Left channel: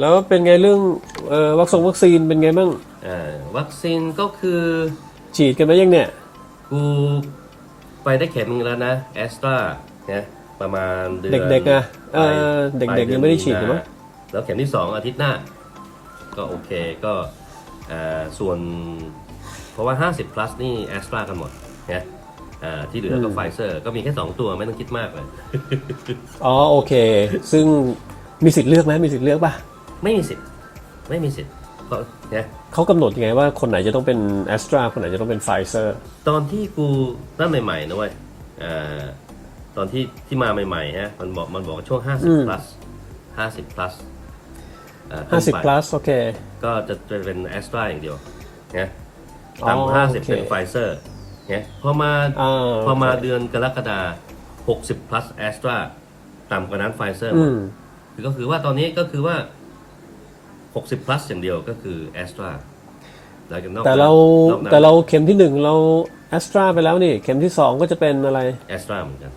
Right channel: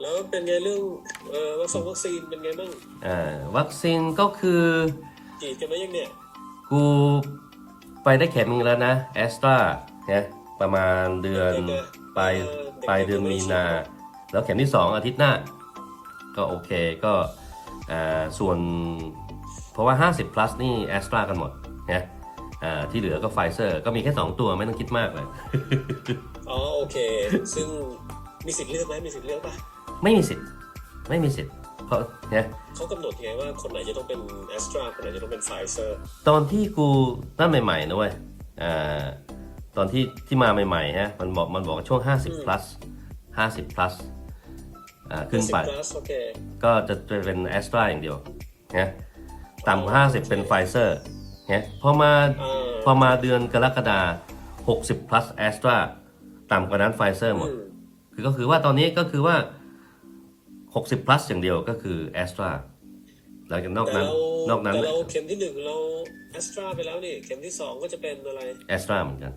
แล้วเป็นไงเรื่องเอ่อวัคซงวัคซีนเป็นไงบ้างอ่าวัคซีนก็คือฉีดกันไปยังเนี่ย กูไปได้เข็มนึงแล้วนะแอสตราเนี่ยประมาณเดือนเด็กๆนะปลายเออเด็กๆปลายยังไม่ได้ฉีดนาเหรอ แล้วเข็มที่สองอาทิตย์หน้า ก็โอเคก็อ่าส่วน เพราะว่า 50 plus นี่แอสตรากันหมดนะอ่าที่เหลือก็ไฟเซอร์ก็มีแค่ 2 ตัวไม่ต้องคิดมากเลย อ๋อโอเค ซึ่งมีสิทธิ์เลือกไหมมีสิทธิ์เลือกป่ะ ไม่มีสิทธิ์ไม่มีสิทธิ์เพราะเนี่ยเขากำหนดยังไงว่าคนไหนจะต้องเป็นแอสตราคนไหนจะต้องเป็นไฟเซอร์ตอนที่กูตั้งใหม่ๆนะเว้ยอ่าตอนที่ที่มาใหม่ๆฮะมันบอกมันบอกว่าช่วง 50 plus 50 plus อ่าขึ้นไป50 plus โอเค ก็จะจะเป็นแอสตราอย่างเดียวนะอ๋อต่ำกว่าโอ50เคเป็นไฟเซอร์นะพอมาอ่าพอมาเดือนกรกฎาคม60 plus แอสตราต่ำกว่านั้นไฟเซอร์หมอืดมคือก็คือว่าตอนนี้ก็คือว่า 60 plus อย่างเดียวก็คือแอสตราหลังจากนอกแต่นั้นเรานอกนั้นแต่เราเข็มที่หนึ่งเราแอสตราไปแล้วนี่ เข็มที่สองก็จะเป็นอะไร แอสตราเหมือนกัน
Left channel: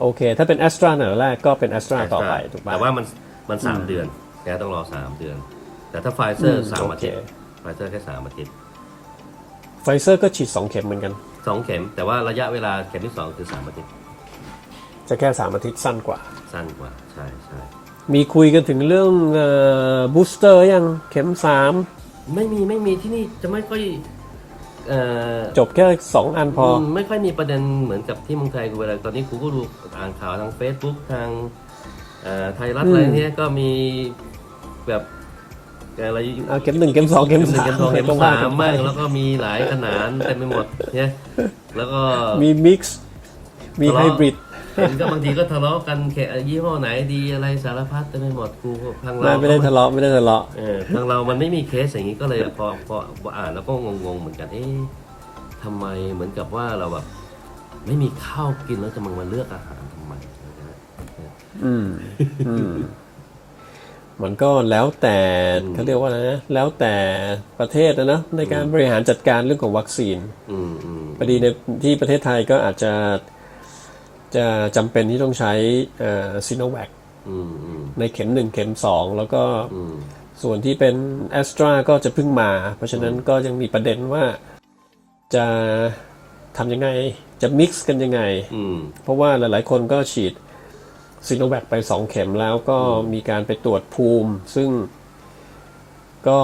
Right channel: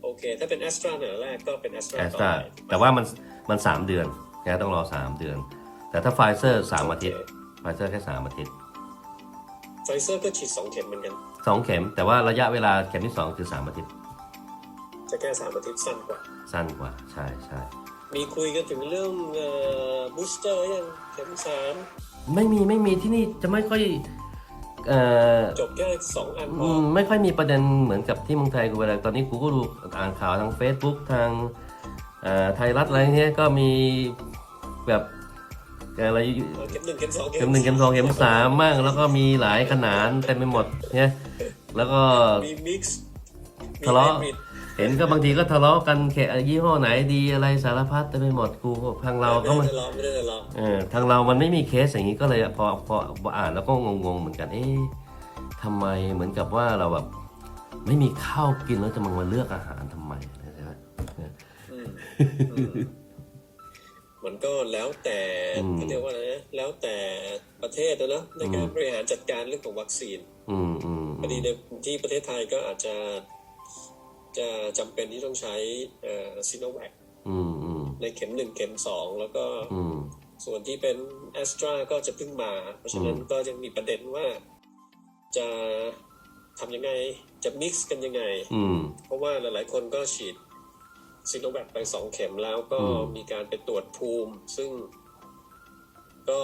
โอเค ถ้าเป็นแอสตราเนี่ยแรกก็เป็นแอสตราแอสต่อตราไปถูกป่ะแต่ว่ามันมันสามเดือนนะต้องรอสามเดือน แต่ถ้าไฟเซอร์สามอาทิตย์โอเค ไฟเซอร์แค่สามอาทิตย์ไฟเซอร์ก็ฉีด2เข็มเหมือนกัน สองเข็ม แต่ว่าระยะเวลาเข็มที่สองคือสามอาทิตย์จะแค่3อาทิตย์สั้นกว่า สั้นกว่าใช่ใช่ มีคุยกันถึงเรื่องบูสเตอร์ยังเข็มไม่มีไม่มีที่นี่จะไม่ค่อยเอ่อ3จบแค่2อันพอมไม่ค่อยมีประเด็นเหมือนกับที่เมืองไทยกูเวลาตอนนี้กูก็ดูอ่านข่าวทาง Facebook ทางเอ่อไทยรัฐอะไรเนี้ยก็มีแบบอะไรอะเข็มหนึ่งเข็มสองเข็มเข็มหนึ่งเข็มสองสามเข็มสามมั่งแล้วก็มีหลายขนาดเต็มไปหมดเนี่ยแล้วก็มีมิกซ์มีทะไฮเลาะบริด เห็นก็บางทีก็ทะเลาะกันแค่ยี่ห้อไหนดีอะไรสารพัดเต็มไปหมดกูก็ทางเราไม่ก็ได้ทะเลาะไม่ได้ทะเลาะเออทางเรามันไม่มีเคสอย่างนี้ก็เลยพอพอพออ่านแล้วก็งงๆเหมือนกันเอ๊ะทำไมเหมือนกับว่าเราแบบไม่มีข้าวกินแล้วจะมามาเลือกอาหารทำไมใช่ไหมอืมอืมมันก็แล้วแต่เขาเรียกว่าอะไรนะแล้วแต่ประเทศนะเนอะในการบริหารจัดการเรื่องของวัคซีนอืมอืมพอดีในที่ประเทศไทยก็อาจจะ จะจำเป็นที่ต้องใช้ซีโนแวคอืมอืมในเข็มหนึ่งเข็มสองแล้วก็อืมส่วนที่เป็นแอสตราก็จะเพิ่งมา เพราะฉะนั้นก็ยังมีประเด็นว่าจะทำยังไงจะมิกซ์กันยังไงอืมเพราะว่าหลาย ๆ คนก็ฉีดซีโนแวคไปสองเข็มแล้วก็มีการไปตรวจภูมิ ซึ่งก็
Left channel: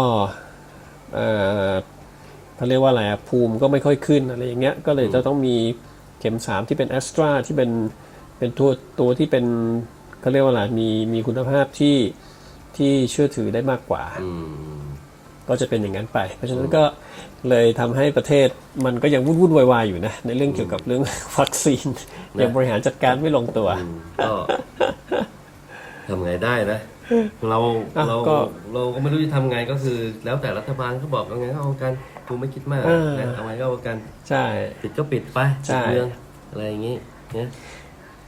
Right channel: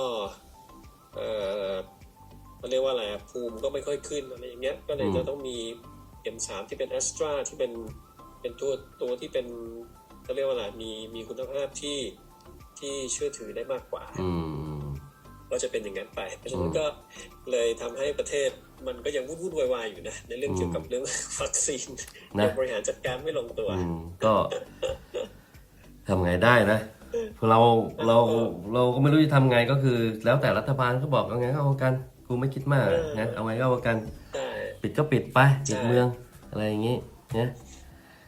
เอ่อเขาเรียกว่าอะไรอะภูมิก็ไม่ค่อยขึ้นอะไรอย่างเงี้ยก็เลยจะต้องมีเข็มสามที่เป็นแอสตราที่เป็นเป็นตัวตัวที่เป็นเขาเรียกว่าอะไรมีมีคุณภาพที่ที่เชื่อถือได้มากกว่าอืมก็จะเป็นอย่างนั้นไป เพราะฉะนั้นก็เลยทำให้ประเทศมันก็ยังวุ่นวุ่นวายๆอยู่นะ ในเรื่องเกี่ยวกับเรื่องวัคซีนยังบริหารจัดการไม่ลงตัวอืมก็ทำไงได้นะ เราอะเราก็ เราก็ไม่รู้จะทำไงก็คือ แล้วแต่รัฐบาลเขาบอกเอาไงก็เอากันกูไม่คิดมากเออ นะเอาไงก็เอากันใช่ ปิดก็ปิดไปใช่ ปิดเมืองอะไรอย่างงี้เนี่ย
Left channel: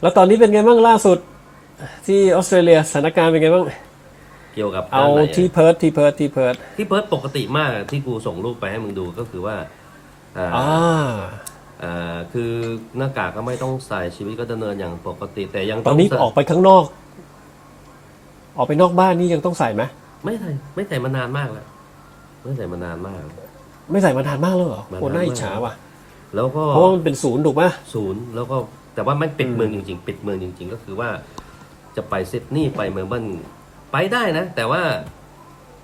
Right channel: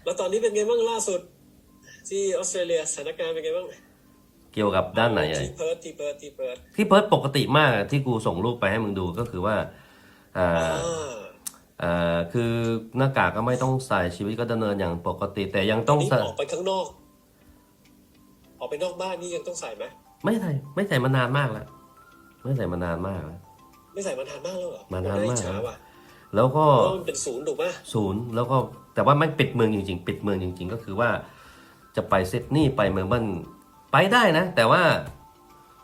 แล้วตอนนี้เป็นไงบ้างล่าสุด ที่ออสเตรเลียสถานการณ์เป็นไงบ้างเกี่ยวกับเอาด้านไหนที่อะเพิร์ทที่เพิร์ทที่เพิร์ทที่เพิร์ดปกติมากอะที่กูส่งรูปไปให้มึงดูก็คือว่าอ่า อ่าอ่าคือหน้ากากก็ไม่ต้องใส่ชีวิตก็ดำเนินอย่างปกติ แต่ยังตอต้นองนี้ใส่ออกไปข้างนอก ออกไปนอกบ้านนี่ยังต้องใส่ไหมไม่ใส่ไม่ใส่มานานมากแล้วไม่ใส่มานานมากแล้ว ไม่ใส่มานานมากแล้วเหรอมานานโอ้น่าอิจมากฉาว่ะแล้วก็เพราะว่ามันเป็นศูนย์ถูกไหมศูนย์แล้วก็แต่ว่าไม่ปิดเมืองจริง ๆ ปิดเมืองจริง ๆ ก็คือว่า จะไปซิดนีย์ไปเมลเบิร์นไปได้นะ แต่ว่า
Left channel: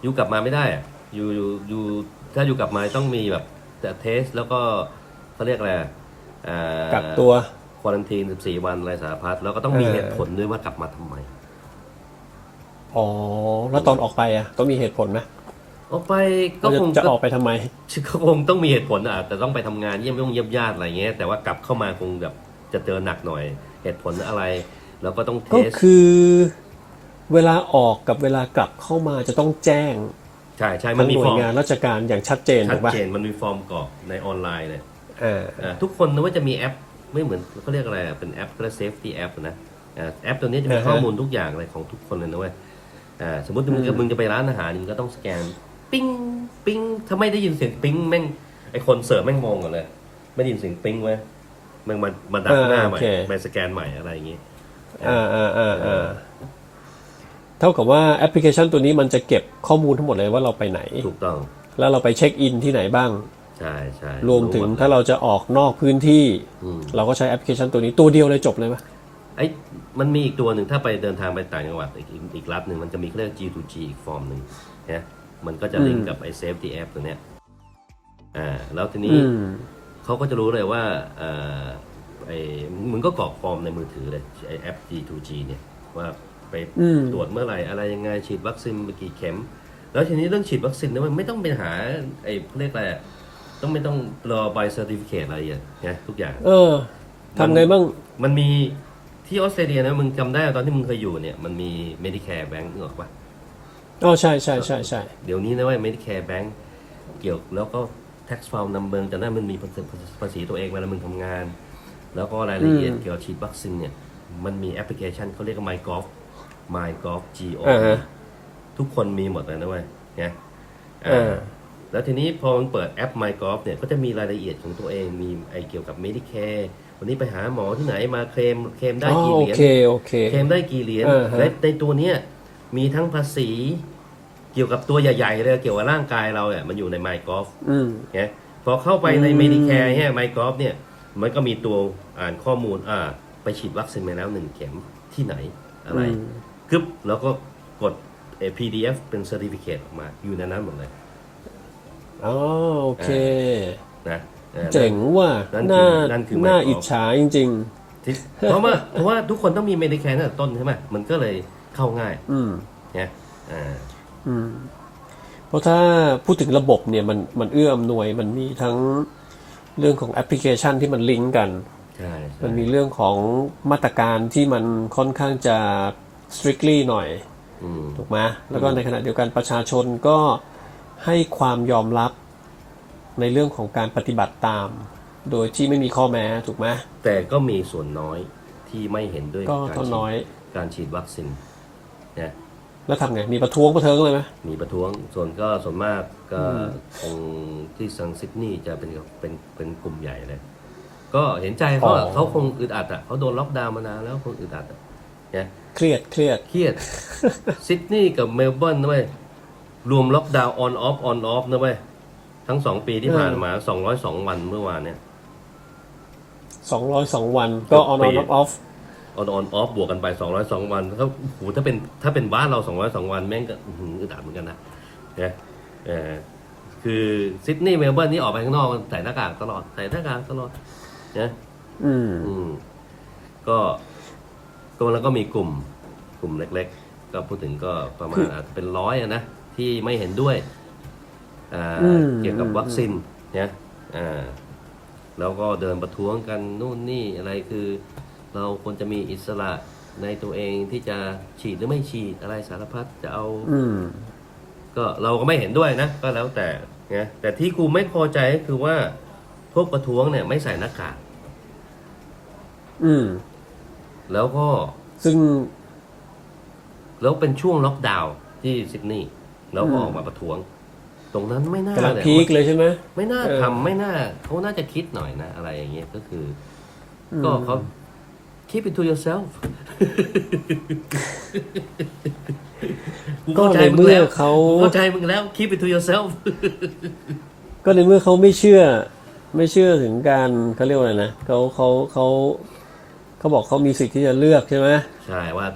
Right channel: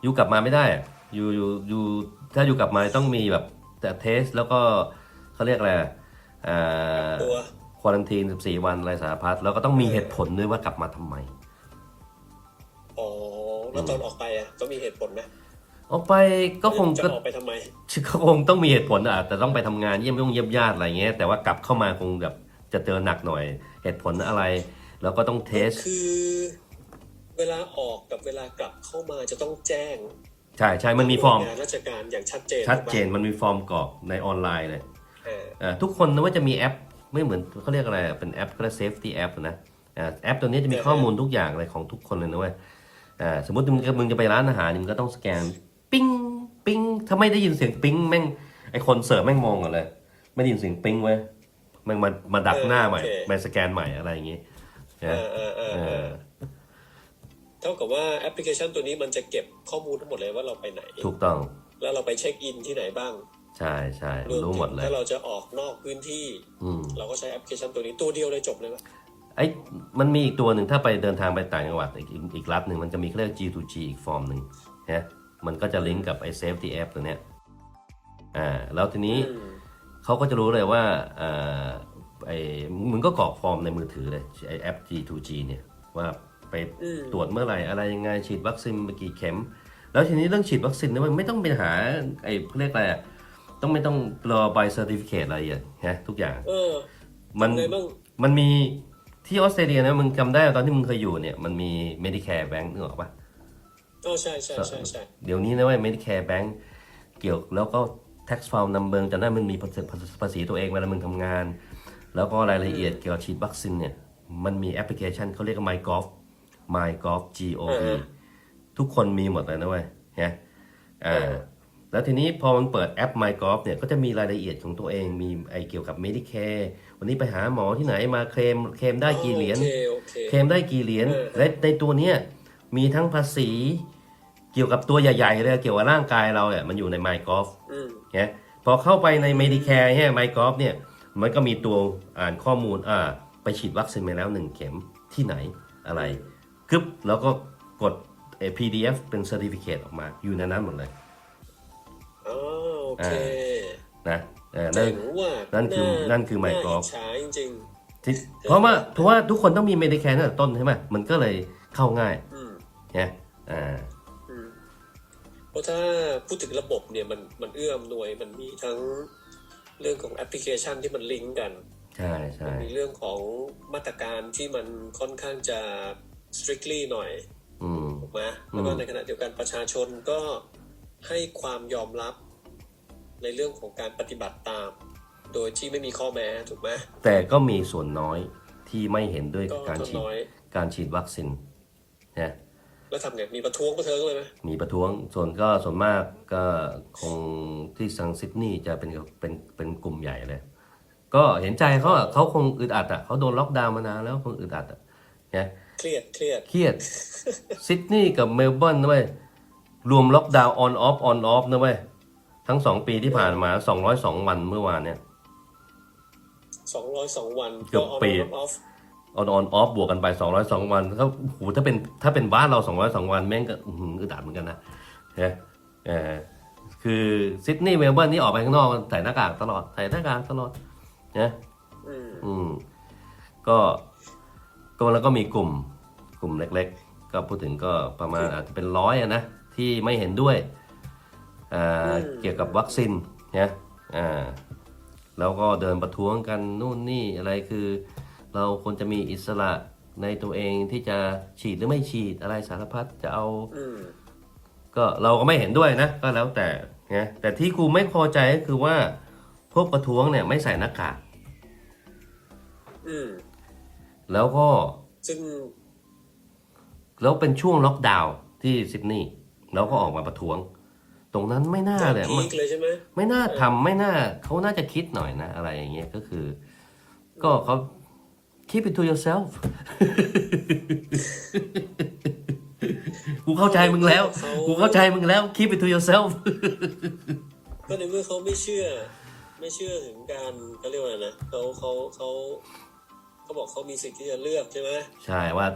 อยู่กลับมาไม่ได้อะอยู่อยู่อยู่ถ้าอยู่กลับมาต้องมีแบบแต่เทสแล้วก็เขาเรียกอะไรอ่ากักตัว ควอลันทีน14 วันอะไรสารพัดแล้วก็ต้องมีเออ เหตุผลด้วยว่ากลับมาทำไม อ๋อ แล้วตอนออกไปอะต้องมีเหตุผลไหมออกไปก็คงจะก็ออกไปทำไมก็คงต้องมีเหตุผลอะแต่ต้องไปทำงานเยี่ยมยงเยี่ยมญาติอะไรเงี้ยแต่ว่ากลับเข้ามาคงแบบจะเจอหนักหน่อยเหตุผลอะไร แล้วก็ต้องเทก็สคือ เวลาออกกับเวลากลับเข้ามาจะต้องแจ้งใช่ใช่มันมีฟอร์มหน่วยงานราชการอย่างชัดเจนชัดถูกปะเจนมันมีฟอร์มกรอกในออนไลน์เลยเอออ่าทุกคนนะว่าจะมีแอปไม่เหมือนเขาเรียกอะไรอะเป็นแอปก็เรียก safety app นะอ่าแอปตัวนี้จะมีอ่าฮะข้อมูลทุกอย่างเลยของทุกคนเลยนะเว้ย อ่าสมมติมึงจะมึงจะไปร้านอาหารมึงก็ต้องสแกน ปิ้งปิ้งถ้าไม่ได้ยินเสียงปิ้งแม่งไอคนเสิร์ฟแม่งมองก่อนเลย ไม่ได้ยินเสียงปิ้งเว้ยแม่งมามาดักหน้าใหม่ไปสแกนใหม่อะไรอย่างงี้ เออเออเออเออเท่ากับว่าแอปพลิเคชันตัวนี้มันจะเก็บข้อมูลทั้งหมดเลยว่าเราไปไหน ถูกต้องแล้วเราไปเช็คอินที่ไหนบ้าง ใช่ใช่รวมถึงหดลยถ้าเราจะออกนอกพื้นที่ อืมเราก็ใช้แอปพลิเคชันตัวนี้ตัวเดียวเลยจบเลยไหม ไอ้มันมีอีกตัวหนึ่งถ้าไปเดินทางไปต่างจังหวัดอีกอีกอีกรัฐหนึ่งมันจะมีเขาเรียก G2G อีกฟอร์มหนึ่งนะมันก็จะลิงก์กับไอ้ Safety App ตัวเนี้ยอ่าแล้วทีนี้อืมเขาก็จะรู้เลยว่าเอ่อไอ้มึงก็กรอกฟอร์มในมือถือเลยไอ้แอป G2G เนี่ยว่าไปอืมตรวจเมื่อไหร่อะไรยังไงฉีดวัคซีนไปกี่เข็ม แล้วทีนี้เรื่องฉีดวัคซีนเนี่ยมันไม่ต้องไปหาไอ้เขาเรียกอะไรอะต้องไม่ต้องรอใบเซอร์ติฟิเคตอะไรอะนะทุกอย่าง เออมันทำไงบ้างมันมี ที่ออสเตรเลียนะมึงจำได้ตอนที่มึงเคยอยู่เนี่ยมันมี Medicare Bank นึกออกปะอ๋อใช่ใช่ใช่ใช่เดี๋ยวนี้นะเว่า Medicare Bank เกี่ยวแล้วก็ tax file number จำได้มันมีภาษีภาษีตัวเองเวลามึงทำงาน แล้วก็รายละเอียดเกี่ยวกับฉีดวัคซีนเนี่ยมันมีแอปพลิเคชันเขาเรียกว่า MyGov MyGov G O อ่า V ฮะทุกคนมีหมดเลยนะเว้ยเนี่ยอ่าเออแล้วทีนี้พอมันเปิดแอป MyGov เนี่ยก็จะมีรายละเอียดของตัวเองมีไอเกี่ยวกับ Medicare วันนี้ไปหาหมอที่ไหนมาเคลมเคลมได้กี่เหรียญโอเคโอเค เคลมได้กี่เหรียญเออฮะ และในตัวเนี้ยมีทั้งภาษี เกี่ยวกับตัวใหญ่ๆเลยเกี่ยวกับร่างกายเราเนี่ยมันอยู่ใน MyGov อืมเนี่ยพอเข้าไปใน Medicare เนี่ย MyGov เนี่ยมันก็มีตัวอ่านข้อมูลอ่าไปฉีดวัคซีนมาแล้วหนึ่งเข็มที่ไหนอะไรกึบแล้วก็กดเอ่อ PDF เป็น Certificate ออกมาอยู่ในนั้นหมดเลยอ๋อโอเค นะ เออเจ๋งว่ะนั่นคือน่านั่นคือน่า Microsoft อิจฉาจริงที่เพราะว่าเพราะว่าทุกคนต้องมี Medicare ตั้งแต่ต้นใช่ไหมมันก็เลยเข้าง่ายๆอืมเนี่ยอ่าอืมเพราะถ้าพูดถึงระบบเนี่ยมันมันเอื้ออำนวยมันมีทั้งเรื่องของแอปพลิเคชันที่มันลิงก์กันใช่ใช่มันมีเรื่องของมาตรการที่มันค่อนข้างจะ strictly หน่อย อืม ถูกไหมแล้วก็ในขณะเดียวกันประชาชนก็ให้ความยอมรับ ในเรื่องของการปฏิบัติตาม โดยที่ไม่มีข้อแม้ถูกไหมแต่ก็มีส่วนน้อยที่ไม่เห็นด้วยก็การก็ฉีดน้อยการฉีดวัคซีนเนี่ยแล้วทำไง มีประท้วงประเทิงเลยไหมมีประท้วงส่วนก็ส่วนมากก็คงที่ซังซิดนีย์จะเป็นเป็นเป็นกลุ่มใหญ่เลย ก็เห็นใจเขาอะเขาคงอึดอัดอะเขาโดนล็อกดาวน์มานานแล้วคงอึดอัดอะเนี่ย เครียดเครียด เครียด ซิดนีย์กับเมลเบิร์นนะเว้ยรวมล็อกดาวน์ออนออฟออนออฟนะเว้ย ทั้งสองปีที่ผ่านมา202วันเมื่อวานเนี่ยสองร้อยสองวันก็ on ปี on off off ออนออนออฟบวกกันไป202วันเขาโอ้โหถ้าเป็นถ้าเป็นบ้านเรา202วัน แม่งก็อื้อหืออึดอัดเหมือนกันนะเนี่ยเออคือซิดนีย์เมลเบิร์นนี่ออกไปข้างนอกใส่หน้ากากตลอดใส่หน้ากากตลอดนะอืมอืมก็ก็แล้วก็มีกลุ่ม กลุ่มเล็ก ๆ ก็พูดถึงก็ประมาณอาจจะเป็นร้อยอะนะที่ไม่เห็นด้วยอ่าอืม เกี่ยวกับวัคซีนเนี่ยอ่าแล้วก็เดินประท้วงกันนู่นนี่อะไรคือ เราควรจะมีอิสระในตัวเองที่จะฉีดหรือไม่ฉีดอะไรสารพัดจะเอาอืมก็เราก็ไม่เห็นด้วยนะ ก็แล้วแต่นะแต่ที่กูไม่พอใจก็คือว่าพวกประท้วงเนี่ยไม่ใส่หน้ากากอืม แล้วก็ซึ่ง แล้วเป็นช่วงล็อกดาวน์ที่ซิดนีย์แล้วก็ออกมาประท้วง ตรงนั้นไม่น่ากำลังเลยพีคเลยใช่ไหมไม่น่าเออทำไม่น่าเขาน่าจะคิดหน่อยนะ อะไรอย่างเงี้ยก็คือ ก็เขา keep it to yourself กูเข้าใจมึงแล้วเขากูเข้าใจมึงแล้ว keep it to yourself ก็ในเมื่อเขาไม่เชื่อ ไม่เชื่อถึงการเขาเรียกว่าอะไรนะเขาเขาเขาเขาบอกเขามีสิทธิ์ที่จะเลือกใช่ไหมใช่ว่า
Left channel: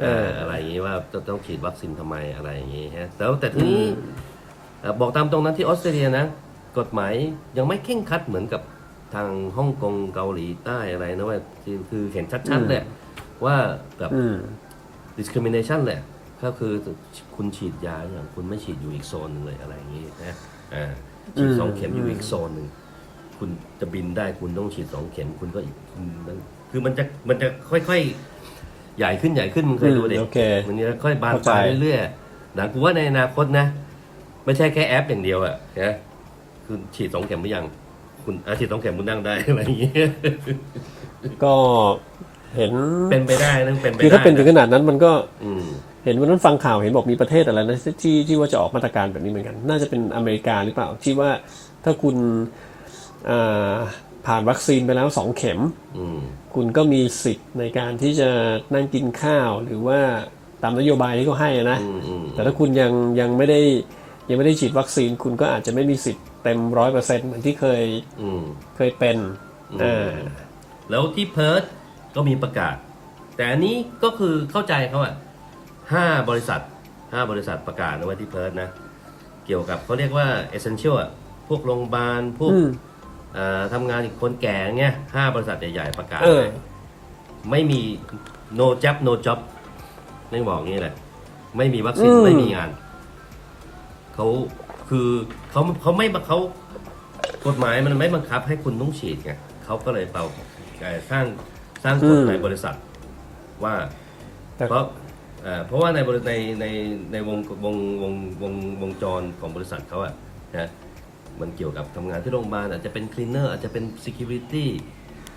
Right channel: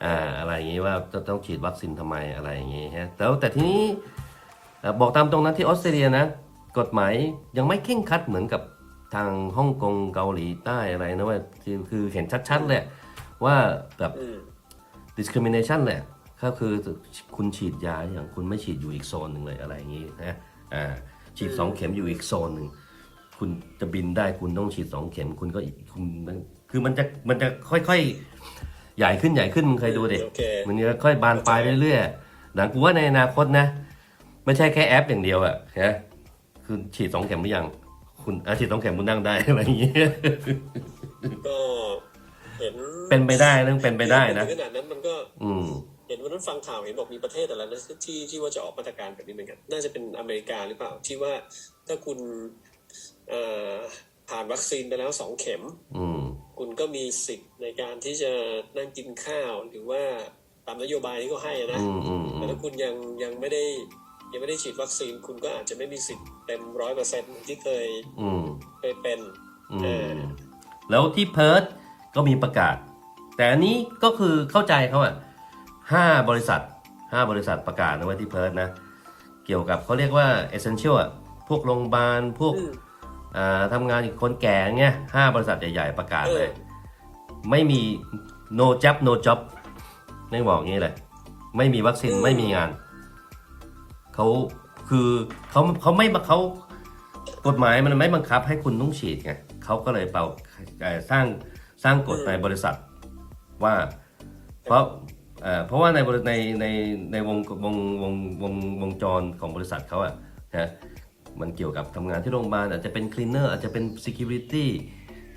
เอออ่าอะไรอย่างงี้ว่าจะต้องฉีดวัคซีนทำไมอะไรอย่างงี้ฮะแล้วแต่ทีนี้เอ่อ บอกตามตรงนั้นที่ออสเตรเลียนะ กฎหมายยังไม่เข่งครัดเหมือนกับทางฮ่องกงเกาหลีใต้อะไรนะว่าคือคือเห็นชัดๆเลยว่าแบบอืม discrimination แหละก็คือคุณฉีดยาอย่างคุณไม่ฉีดอยู่อีกโซนหนึ่งเลยอะไรอย่างงี้นะอ่าฉีดสองเข็มอยู่อีกโซนหนึ่งคุณจะบินได้คุณต้องฉีดสองเข็มคุณก็อีกคุณมันคือมันจะมันจะค่อยๆ ใหญ่ขึ้นใหญ่ขึ้นมึงเคยดูดิโอเคมันจะค่อยบานปลายเข้าใจเรื่อยๆหนังกูว่าในอนาคตนะ ไม่ใช่แค่แอปอย่างเดียวอะนะคือฉีดสองเข็มหรือยัง คุณอาฉีดสองเข็มคุณนั่งได้อะไรอย่างเงี้ยก็เห็นเป็นไปได้นะเป็นไปคือได้ถ้าเป็นถึงขนะนาดนั้นมันก็อืม เห็นวันนั้นฟังข่าวเห็นบอกมีประเทศอะไรนะที่ที่ว่าจะออกมาตรการแบบนี้เหมือนกัน น่าจะเป็นอเมริกาหรือเปล่า ที่ว่าถ้าคุณอ่าผ่านวัคซีนไปแล้วสองเข็ม อืม คุณก็มีสิทธิ์ในการที่จะนั่งกินข้าวหรือว่าตามนโยบายที่เขาให้นะ อืมอืมแต่ถ้าคุณยังยังไม่ได้ ยังไม่ได้ฉีดวัคซีนคุณก็อาจจะไม่มีสิทธิ์เต็มร้อยเปอร์เซ็นต์เหมือนที่เคยอืม เคยเป็นเออแล้วที่เพิร์ทก็มีประกาศ แต่อันนี้ก็คือเข้าใจเขาอะห้าบริษัทห้าบริษัทประกาศนะไว้ที่เพิร์ทนะ เกี่ยวกับเขาเรียกว่า essential อะพวกโรงพยาบาลพวก อืม อ่าทำงานอีกคนแก่เงี้ยห้าบริษัทใหญ่ ๆ ประกาศเออ เลยไม่มี no job no job ไม่บอกงี้เลย ไม่มีวัคซีน อืม ไม่มีงาน เขาคือเขาเขาไม่เขากฎหมายมันไม่บังคับให้คุณต้องฉีดไงเขาก็เลยเป่าเอ่อสร้างสร้างกฎในบริษัทว่าแต่เพราะเอ่อเพราะว่าในบริในในในวงวงวงวงวงจรของบริษัทเขาอะนะมันเกี่ยวกับทำงานที่โรงพยาบาลอาจจะเป็นคลีนเนอร์อาจจะเป็น security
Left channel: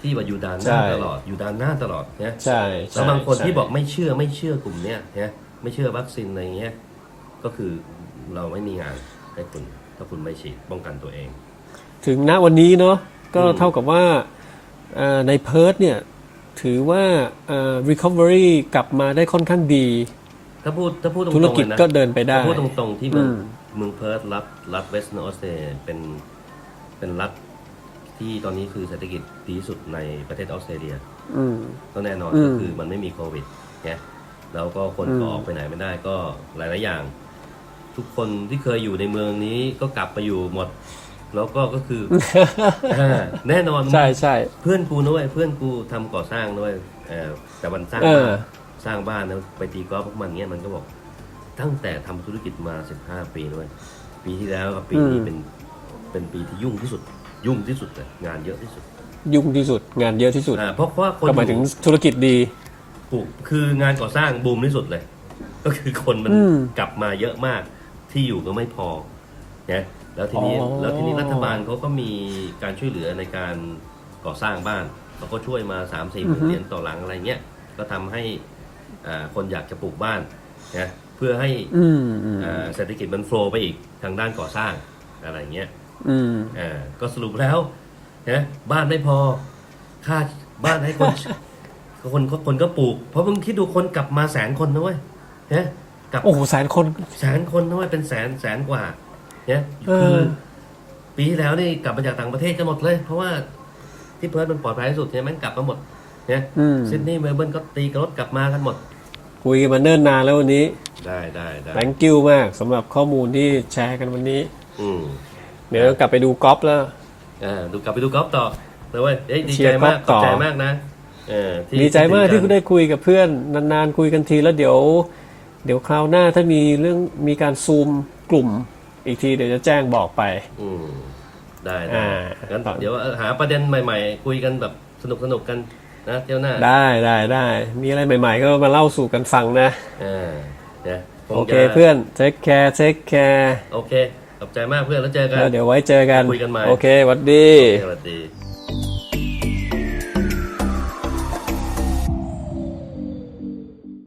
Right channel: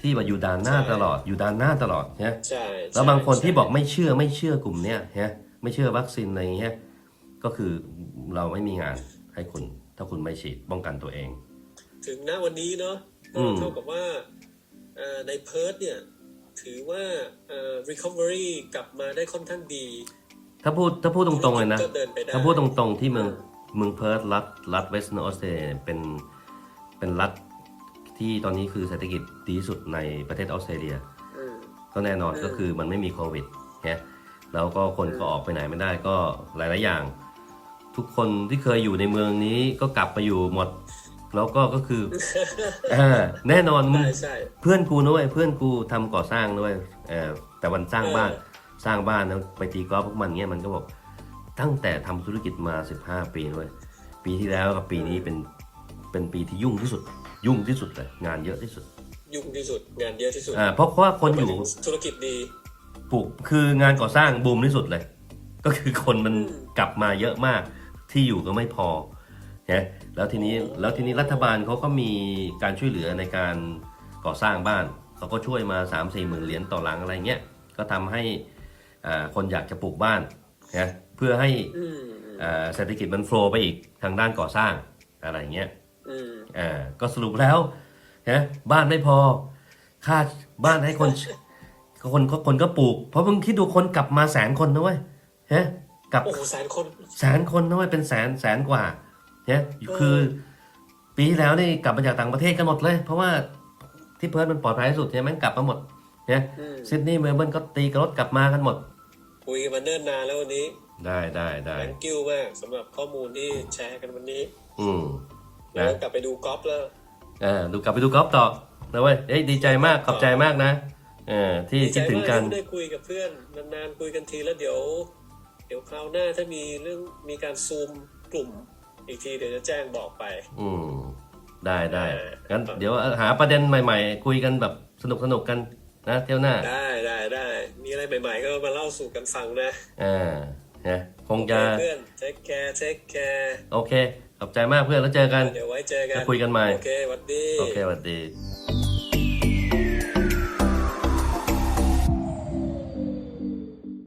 ที่ว่าอยู่ด่านหน้าใช่ตลอดอยู่ด่านหน้าตลอดนะใช่แล้วบางคนใช่ที่บอกไม่เชื่อไม่เชื่อกลุ่มเนี้ยนะไม่เชื่อวัคซีนอะไรเงี้ย ก็คือเราไม่มีงานให้คุณ ถ้าคุณไม่ฉีดป้องกันตัวเอง ถึงณวันนี้เนาะก็อืมเท่ากับว่าเอ่อในเพิร์ทเนี่ย ถือว่าเอ่อ recovery กลับมาได้ค่อนข้างดี ถ้าพูดถ้าพูดตรธุรงๆกิเลจยนะก็เดินไปได้ถ้าพูดตรงๆที่เมืองอืมเมืองเพิร์ธรัฐรัฐเวสต์นอร์สเตรเลียเป็นเป็นรัฐที่ตอนนี้คือเศรษฐกิจดีที่สุดในประเทศออสเตรเลียอืมก็แน่นอนอืมก็คือมันไม่มีโควิดเนี่ยแล้วก็คนก็ออกไปไหนไม่ได้ก็หลายๆอย่าง ทุกคนที่เคยอยู่ในเมืองนี้ก็กลับไปอยู่หมด แล้วก็ก็คืออ่าแน่นอนใช่ใช่เพื่อนกูด้วยเพื่อนกูทำก่อสร้างด้วยเออแต่วันสร้างบ้านเออสร้างบ้านนะไปตีกอล์ฟพวกมันเงี้ยมันก็บอก ตั้งแต่ทำธุรกิจมา15ปีด้วยปีที่แล้วกับปีนี้เป็นเป็นปีที่ยุ่งที่สุด ยุ่งที่สุดเลยงานเยอะที่สุด ยุ่งที่สุด งานเยอะที่สุดอ่าเพราะว่าคนก็หอมายถึยู่งธุรกิจดีปลูกคืองานก่อสร้างบูมที่สุดเลย ก็คือคนมันอืมกลับมาเยอะมาก ที่อยู่ก็ไม่พอนะแล้วทีนี้อ๋อ แล้วทีนี้รัฐบาลเขาก็มีการช่วยเหลือในการก่อสร้างบ้านเขาก็ช่วยมา3ามสี่หมื่นเหรียญต่อหลังอะไรเงี้ยก็ทำให้อ่าคนอยากจะปลูกบ้านนะเพื่อให้อืมอืมอ่าเศรษฐกิจมันโฟลว์ไปอีกทางด้านก่อสร้างอะไรเงี้ย อืม อ่าก็สรุปแล้วนะบ้านไม่พอ ค่าบ้านให้คน คนคนคนก็ปลูก เพราะมึงคิดดูคนกลับมาแสนคนนะเว้ยฮะ กลับโอ้โหแสนคนแสนคนนะเว้ยเป็นแสนแสนกว่าเนี่ยเออคือปีที่แล้วนี่กลับมาจากต่างประเทศกันหมดเลย เพราะว่าที่เพิร์ทมันปลอดภัยที่สุดเนี่ยแม่งกลับมาหมดเนี่ยอืมซิดนีย์เมลเบิร์นก็ตีกระรถกลับมากันหมด คุยกันมาเนิ่นนานแล้ววันนี้ ได้ได้ได้ thank you มากสำหรับข้อมูลที่แชร์กันวันนี้ อืมเดี๋ยวกลับไปดูกอล์ฟแล้วอ่าดูกลับไปดูกอล์ฟต่อนะเว้ยเอ้ยดีใจมากเชียร์ขกอล์ฟต่ออบใจมากนะเออที่ดีใจมากคิที่ถึงนได้คุยกับเพื่อนนานๆคุยกันทีแล้วเดี๋ยว เดี๋ยวคราวหน้าถ้ามีเรื่องมีการซูมกลุ่มอีกทีเดี๋ยวจะแจ้งบอกไป อืมได้ได้อ่างั้งั้นเดี๋ยวหาประเด็นใหม่ ๆ คุยกันแบบสนุกสนุกๆกันนะเที่ยวหน้าได้ได้ได้มีอะไรใหม่ๆ ก็มาเล่าสู่กันฟังนะ อ่าเนี่ยคงโอเคจะเพื่อนเทคแคร์เทคแคร์โอเคขอบใจมากเพื่อนแล้วเจอกัน เดี๋ยวไว้เจอกันคุยกันใหม่ โอเคหวัดดี โอเคสวัสดี